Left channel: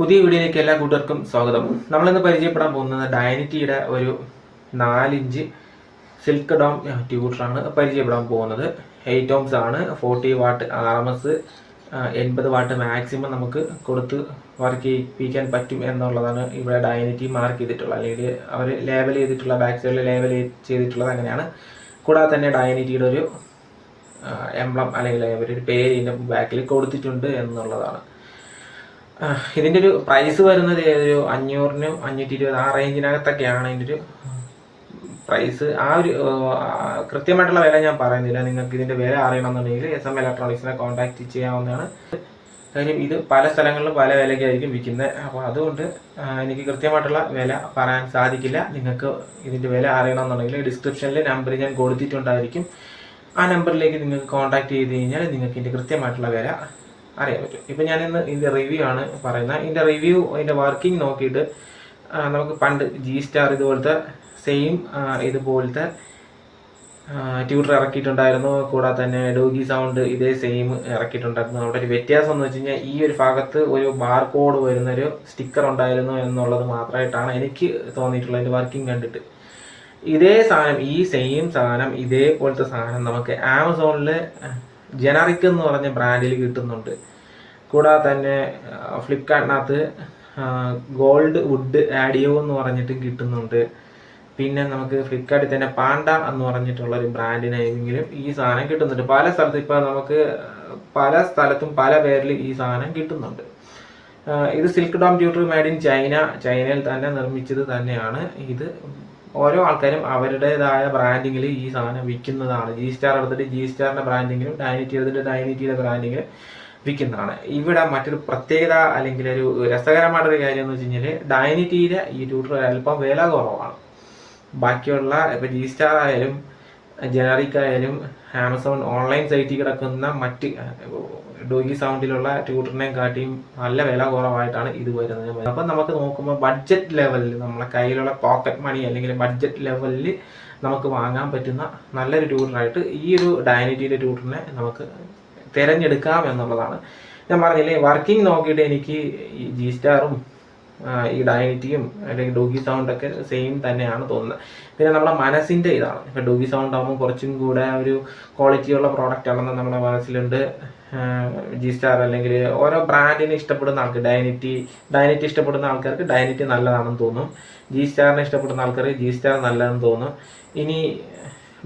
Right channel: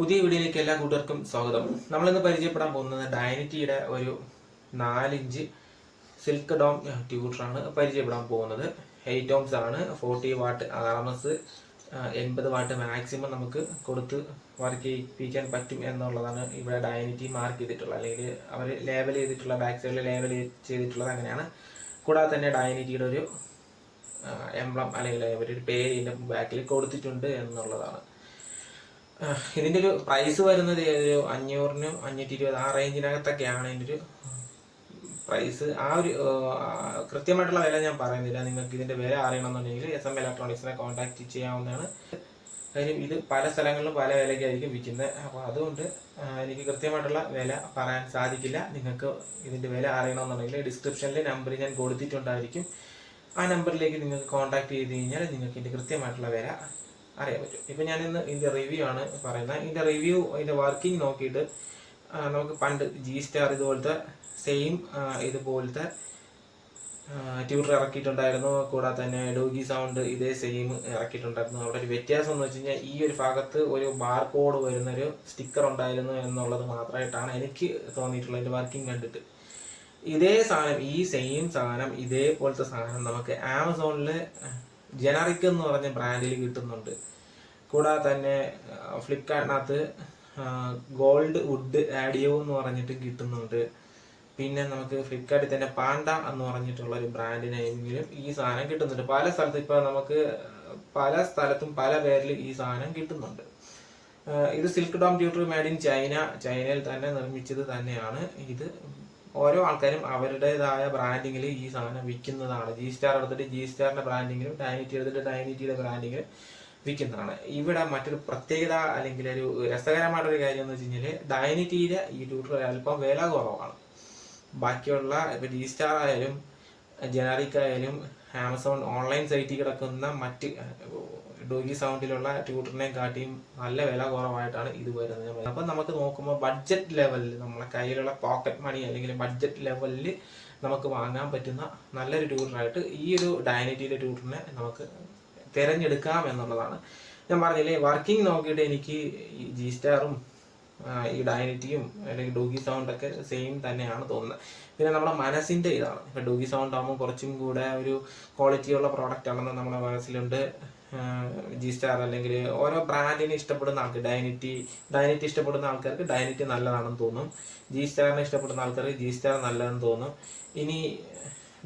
പുതിയ വീഡിയോയിലേക്ക് എല്ലാ കൂട്ടുകാർക്കും സ്വാഗതം. നമ്മളിന്ന് പരിചയപ്പെടാൻ പോകുന്നത് ഡൈനിറ്റിയുടെ ഒരു 4 ഇഞ്ച് സിൽക്ക് ഡോം ട്യൂട്ടറാണ് പരിചയപ്പെടാൻ പോകുന്നത്. 8 ohms ആണ്, 40 വാട്ട് RMS, 80 വാട്ട് മാക്സിമം നമുക്ക് കൊടുത്ത് വർക്ക് ചെയ്യിപ്പിക്കാൻ പറ്റും എന്നുള്ളതാണ് ഇവിടെ ഡൈനിറ്റി മാർക്ക് ചെയ്തിട്ടുള്ളത്, അല്ലെങ്കിൽ അവർ ലേബൽ ചെയ്തിട്ടുള്ള ബാക്ക് സൈഡിൽ ലേബൽ ചെയ്തിട്ടുള്ളത് അങ്ങനെയാണ്. കൂടാതെ തന്നെ ഡൈനിറ്റിയുടെ ഒരു എംബ്ലം അല്ലെങ്കിൽ ഒരു പേര് ഇതിൻ്റെ ബാക്കിൽ കൊടുത്തിട്ടുണ്ട് എന്നുള്ളതാണ്. ഇതിൻ്റെ ഒരു പ്രൈസ് വരുന്നത് ഒരു 500-നും 520 ആ റേഞ്ചിനകത്തൊക്കെയാണ് ഇതിൻ്റെ ഒരു പ്രൈസ്. ആ ഒരു കൃത്യമായിട്ടുള്ള വില ഞാൻ പറയുന്നില്ല. നിങ്ങൾക്ക് ഇതിൻ്റെ വില അറിയണമെന്നുണ്ടെങ്കിൽ SM ഇലക്ട്രോണിക്സിനെ കോൺടാക്ട് ചെയ്യാവുന്നതാണ്. കാര്യം ഇത് പല സ്ഥലങ്ങളിലും പല വിലയ്ക്കായിരിക്കും വിൽക്കുന്നത്. അപ്പോൾ അതുകൊണ്ട് എനിക്ക് കൃത്യമായിട്ടുള്ള വില പറയാൻ സാധിക്കില്ല. നിങ്ങൾക്ക് ഇതിൻ്റെ വില അറിയണമെന്നുണ്ടെങ്കിൽ ഡിസ്ക്രിപ്ഷനിൽ നമ്പർ ഞാൻ കൊടുത്തിട്ടുണ്ടായിരിക്കും. ആ നമ്പറിലേക്ക് നിങ്ങൾക്ക് കോൺടാക്ട് ചെയ്ത് കഴിഞ്ഞാൽ നിങ്ങൾക്ക് ഇതിൻ്റെ കൃത്യമായിട്ടുള്ള വില അറിയാൻ പറ്റും. ഇപ്പം ഞാനിന്ന് ഇതിൻ്റെ റിവ്യൂ ആണ് പറയുന്നത്. ഇതിൻ്റെ റിവ്യൂ, അതിൻ്റെ വർക്കിംഗ് നോക്കിയിട്ട് നമുക്ക് പണ്ട് G-Star ഇതുപോലത്തെ സെയിം ഇതുപോലത്തെ ട്യൂട്ടർ ഇറക്കിയിട്ടുണ്ടായിരുന്നു. കൂടാതെ തന്നെ ഡോഗി സൗണ്ട് ഇതേ സെയിം ഇറക്കിയിട്ടുണ്ടായിരുന്നു. അവിടെ ഒരു വ്യത്യാസം എന്ന് വെച്ച് കഴിഞ്ഞാൽ ഈ ഒരു ഭാഗത്ത് ഒരു ബാർകോഡ് വരുന്നൊരു സ്റ്റിക്കർ ഉണ്ടായിരുന്നു എന്നുള്ളത് മാത്രമായിട്ടാണ് എനിക്ക് തോന്നിയിട്ടുള്ളത് ഇതിൻ്റെ വർക്കിംഗ് കണ്ടിട്ട്. ഇതേ സാധനം, ഈ സെയിം സാധനം, ഇതേപോലത്തെ സാധനം നമുക്ക് ആമസോണിൽ ജനറിക് എന്ന് പറഞ്ഞ ബ്രാൻഡിൽ കിട്ടുന്നുണ്ട്. കൂടാതെ തന്നെ ഫ്ലിപ്കാർട്ടിനകത്ത് ഗോൾഡ് വുഡ് ആഡിയോ എന്ന് പറഞ്ഞിട്ട് കിട്ടുന്നുണ്ട്. പിന്നെ നമുക്ക് ഫ്ലിപ്കാർട്ടിൽ തന്നെ പാണ്ട എന്ന് പറഞ്ഞിട്ടുള്ള ഒരു ബ്രാൻഡ് നെയിമിലും ഈ സാധനം കിട്ടുന്നുണ്ട്. പല സ്ഥലത്തും ഇപ്പം നമുക്ക് പല സ്ഥലത്തും പല പേരിൽ ഈ സാധനം കിട്ടുന്നുണ്ട്. ഇത് സിൽക്ക് ഡോം ട്യൂട്ടർ മെയ്ഡ് ഇൻ ചൈനയിൽ തന്നെ നിർമ്മിച്ചത് തന്നെയാണ്. ഇത് ഓരോ ആൾക്കാരും അവരുടേതായ ബ്രാൻഡിങ്ങിൽ ഈ സാധനം വിൽക്കുന്നതാണ്. G-Star എടുത്തിട്ട് G-Starന്റെ ബ്രാൻഡിങ്ങിലും, ഡൈനിറ്റി എടുത്തിട്ട് ഡൈനിറ്റിയുടെ ബ്രാൻഡിങ്ങിലും വിൽക്കുന്നതാണ്. ഇവിടെ മറ്റൊരു പ്രത്യേകത അല്ലെങ്കിൽ ഒരു രസകരമായിട്ടൊരു കാര്യം എന്ന് വെച്ച് കഴിഞ്ഞാൽ ഡൈനിറ്റിയുടെ ഈ ട്യൂട്ടർ അല്പം വില കുറവാണ്. ബാക്കിയുള്ള ഇപ്പം G-Star ആയാലും ജനറിക് ആയാലും ആമസോൺ ഓൺലൈൻ സൈറ്റിൽ കിടക്കുന്ന മറ്റ് ഡോഗി സൗണ്ടിലുള്ള ട്യൂട്ടറിനെ കാട്ടിയും നല്ല വില കുറവായിട്ടാണ് ഇത് വരുന്നത്. അപ്പം നമുക്ക് നോക്കുമ്പോൾ ബഡ്ജറ്റ് ലെവലിൽ നമ്മളെ കയ്യിലുള്ള പോക്കറ്റ് മണി അല്ലെങ്കിൽ ബഡ്ജറ്റ് ലെവലിൽ നമുക്ക് വാങ്ങാൻ പറ്റുന്ന നല്ലൊരു ട്യൂട്ടറായിട്ട് ഈ ഒരു ഡൈനിറ്റിയുടെ ട്യൂട്ടറിനെ നമുക്ക് തിരഞ്ഞെടുക്കാം എന്നുള്ളതാണ്. ഞാൻ പറഞ്ഞില്ലേ, വർക്കിംഗ് നോക്കിയിട്ട് എനിക്ക് ഈ G-Starഉം ഈ ഡൈനിറ്റിയും അല്ലെങ്കിൽ ഡോഗി സൗണ്ടൊക്കെ സെയിം തന്നെയാണ് തോന്നുന്നത്. പിന്നെ നമ്മുടെ മനസ്സിൻ്റെ ഇതാണ്. ഇപ്പം ഡോഗി സൗണ്ട് ആകുമ്പോൾ കുറച്ചും കൂടെ ഒരു ക്വാളിറ്റിയുള്ള പ്രോഡക്റ്റ് ആണെന്ന് നമ്മുടെ മനസ്സിലുണ്ട്. G-Star അല്ലെങ്കിൽ ഓരോ ബ്രാൻഡിനെ ഇഷ്ടപ്പെടുന്ന ആൾക്ക് ഡൈനിറ്റി ഇഷ്ടപ്പെടുന്ന ആൾക്കാർക്ക് ഡൈനിറ്റി നല്ലതാണെന്ന് തോന്നും. G-Starനെ ഇഷ്ടപ്പെടുന്ന ആൾക്കാർക്ക് G-Star നല്ലതെന്ന് തോന്നും. ഇനി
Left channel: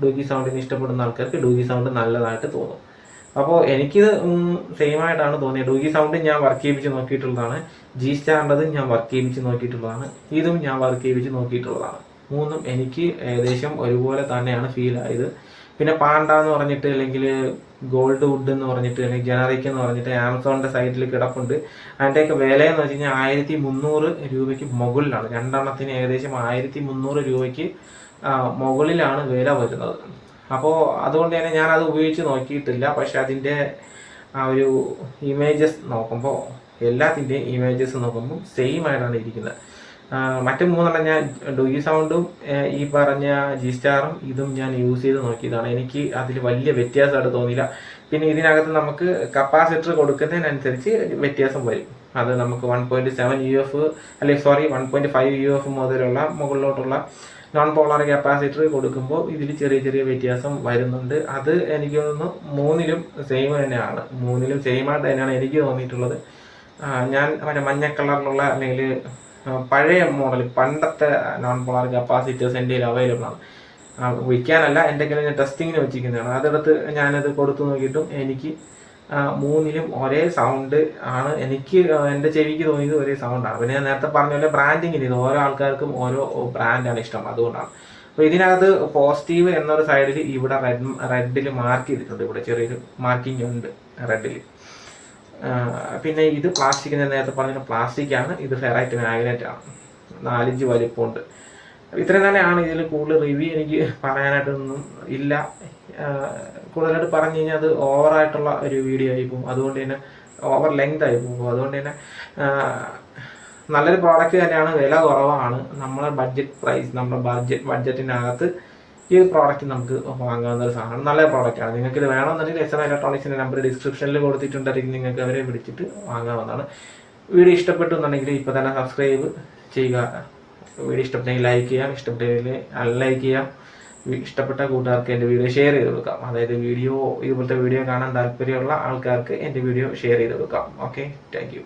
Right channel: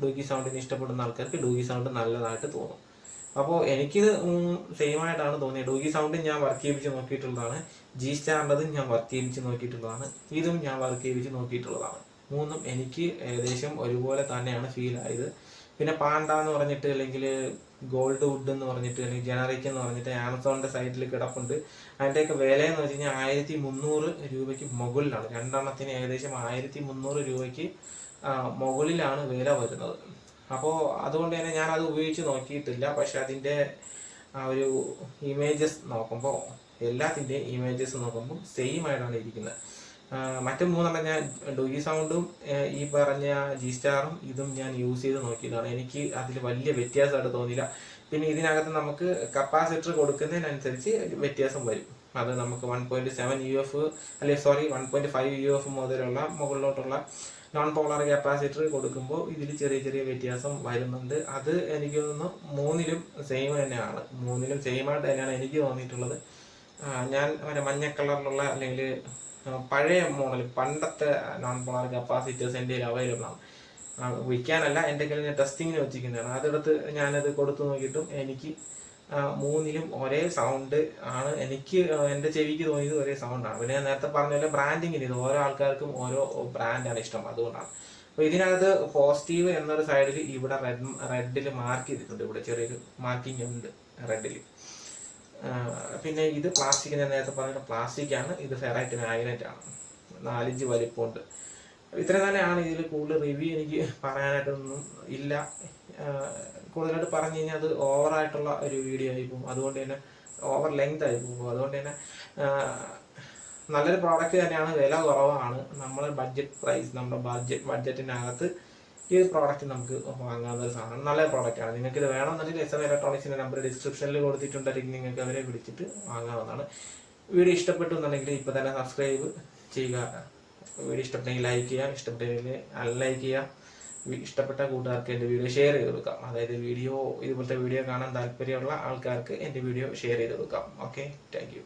ഡോഗി സൗണ്ടിനെ ഇഷ്ടപ്പെടുന്ന ആൾക്കാർക്ക് ഡോഗി സൗണ്ട് നല്ലതായിട്ട് തോന്നും. അപ്പോൾ എനിക്കിത് സെയിം ആയിട്ടാണ് തോന്നിയത്. ഡോഗി സൗണ്ടും ഞാൻ വർക്ക് ചെയ്യിപ്പിച്ച് നോക്കിയിട്ടുള്ളതാണ്. G-Starൻ്റെതും ഞാൻ വർക്ക് ചെയ്യിപ്പിച്ച് നോക്കിയിട്ടുള്ളതാണ്. ഇതും ഞാൻ വർക്ക് ചെയ്യിപ്പിച്ച് നോക്കിയിട്ടുള്ളതാണ്. മൂന്നും എനിക്ക് ഏകദേശം ഒരുപോലെ തന്നെയാണ് ഫീൽ ആയത്. പിന്നെ പാണ്ട എന്ന് പറഞ്ഞിട്ട് അല്ലെങ്കിൽ ഗോൾഡ് വുഡ് എന്ന് പറഞ്ഞിട്ട് അല്ലെങ്കിൽ ജനറിക് എന്ന് പറഞ്ഞിട്ട് ആമസോണിൻ്റെ സൈറ്റിൽ കിടപ്പുണ്ട്. അതിൻ്റെയൊക്കെ വില എന്ന് വെച്ച് കഴിഞ്ഞാൽ 1300 രൂപയ്ക്ക് മുകളിലാണ്. രണ്ടെണ്ണത്തിന് ഏകദേശം 1300 രൂപയ്ക്ക് മുകളിലാണ് വില വരുന്നത്. അപ്പോൾ അതുകൊണ്ട് തന്നെ ഞാനത് ഉപയോഗിച്ച് നോക്കിയിട്ടില്ല. പക്ഷെ അതിൻ്റെ ആ ഒരു ഇമേജസ് നോക്കുമ്പോൾ, എല്ലാത്തിൻ്റെയും ഇമേജസ് നോക്കുമ്പോൾ സെയിം ആയിട്ടാണ് ഇരിക്കുന്നത്. മറ്റു മൂന്നെണ്ണം ഞാൻ ഡോഗി സൗണ്ടും ഈ പറഞ്ഞ G-Starഉം ഇതും ഞാൻ യൂസ് ചെയ്ത് നോക്കിയതാണ്. എനിക്ക് അതിൽ വലിയ വ്യത്യാസമായിട്ട് തോന്നിയില്ല. പിന്നെ ഇതിനകത്ത് നമുക്ക് കപ്പാസിറ്റർ കൊടുക്കുന്നതിനനുസരിച്ച് വ്യത്യാസം വരും. അത് നമുക്ക് 1.7 UF അല്ലെങ്കിൽ 1.5 UF മുതലുള്ള മുകളിലോട്ടുള്ള നോൺ പോളാർ കപ്പാസിറ്റർ കൊടുക്കുമ്പോൾ ഇതിൽ ചെറിയ ചെറിയ വ്യത്യാസം വരുന്നുണ്ട്. അത് എനിക്ക് തോന്നുന്നു മൂന്നിലും സെയിം തന്നെയാണ്. മൂന്നിലും സെയിം ആയിട്ട് തന്നെയാണ് എനിക്ക് തോന്നിയിട്ടുള്ളത്. ഞാൻ മഞ്ഞ കളറിലുള്ള അല്ലെങ്കിൽ പഴയ മോഡൽ പണ്ടത്തെ നോൺ പോളാർ കപ്പാസിറ്റേഴ്സ് എൻ്റെ കയ്യിൽ അവൈലബിൾ ആണ്. വിൽക്കാനല്ല, എൻ്റെ കയ്യിൽ ഞാൻ ടെസ്റ്റിങ്ങിന് വെച്ചിരിക്കുന്നതാണ്. അതെടുത്ത് ഞാനത് കൊടുത്തു നോക്കിയിട്ടും എനിക്ക് മൂന്നിലും ഒരേ സൗണ്ട് ആണ്. എനിക്ക് എൻ്റെ ചെവിക്ക് തോന്നിയത് ഒരേ സൗണ്ടാണ്. പിന്നെ ഞാൻ നേരത്തെ പറഞ്ഞ പോലെ ബ്രാൻഡിങ്ങിന് ഇത് ഓരോ ആൾക്കാർക്കും ഓരോ ബ്രാൻഡാണ് ഇഷ്ടം, അതുകൊണ്ടാണ്. അപ്പോൾ ഇതിനകത്ത് പോസിറ്റീവ് എന്നൊരു സൈഡിൽ ഇവിടെ റെഡിൽ മാർക്ക് ചെയ്തിട്ടുണ്ട്. ഇവിടെ ചെറിയൊരു മാർക്കിംഗ് ഉണ്ട് റെഡിൽ. പിന്നെ ഇത് പ്ലാസ്റ്റിക്, ഞാൻ നേരത്തെ പറഞ്ഞ പ്ലാസ്റ്റിക്കാണ്. ഇത് ഫെറൈറ്റ് മാഗ്നറ്റ് ആണ്. 4 ഇഞ്ച് വലിപ്പമുണ്ട്. ഇത്രയും തന്നെയാണ്. ഇതിൽ കൂടുതൽ റിവ്യൂ എനിക്ക് പറയാനായിട്ടൊന്നും ഇല്ല. കൂടുതലായിട്ട് പറഞ്ഞു കഴിഞ്ഞാൽ അത് ഓവറായിട്ടുള്ള ഒരു വീഡിയോ ആയി പോകും. അതുകൊണ്ട് തന്നെ ഓവർ ലെങ്ത് ആയി പോകും. അതുകൊണ്ട് തന്നെ നല്ലൊരു പ്രോഡക്റ്റ് തന്നെയാണ്. വില കുറവാണ്. നമ്മുടെ ബഡ്ജറ്റ് പ്രൈസ്, നമ്മുടെ ബഡ്ജറ്റിനകത്ത് ഈ പ്രോഡക്റ്റ് നമുക്ക് വാങ്ങാവുന്ന ഒരു സാധനമാണ്. നല്ല പ്രോഡക്റ്റാണ്. നിങ്ങൾക്ക് ഇത് വേണമെന്നുണ്ടെങ്കിൽ SM ഇലക്ട്രോണിക്സിൻ്റെ നമ്പർ ഡിസ്ക്രിപ്ഷനിൽ കൊടുത്തിട്ടുണ്ടായിരിക്കും. നിങ്ങൾക്ക് അവരെ വിളിച്ചിട്ട് വാങ്ങാവുന്നതാണ്. വീഡിയോ ഇഷ്ടപ്പെട്ടു എന്നുണ്ടെങ്കിൽ ഇപ്പോൾ തന്നെ സബ്സ്ക്രൈബ് ചെയ്യുക. വീഡിയോ ഇഷ്ടപ്പെട്ടെങ്കിൽ ലൈക്ക് ചെയ്യാം, ഇഷ്ടപ്പെട്ടില്ലെങ്കിൽ അൺലൈക്ക് ചെയ്യാം. ഇഷ്ടപ്പെട്ട കൂട്ടുകാർക്ക് എൻ്റെ വീഡിയോ ഷെയർ ചെയ്ത് കൊടുക്കാം. അതായത് ഇതുപോലത്തെ വീഡിയോ കാണാൻ താല്പര്യമുള്ള ആൾക്കാർക്ക് എൻ്റെ വീഡിയോ ഷെയർ ചെയ്ത് കൊടുക്കാം. Okay, thank you.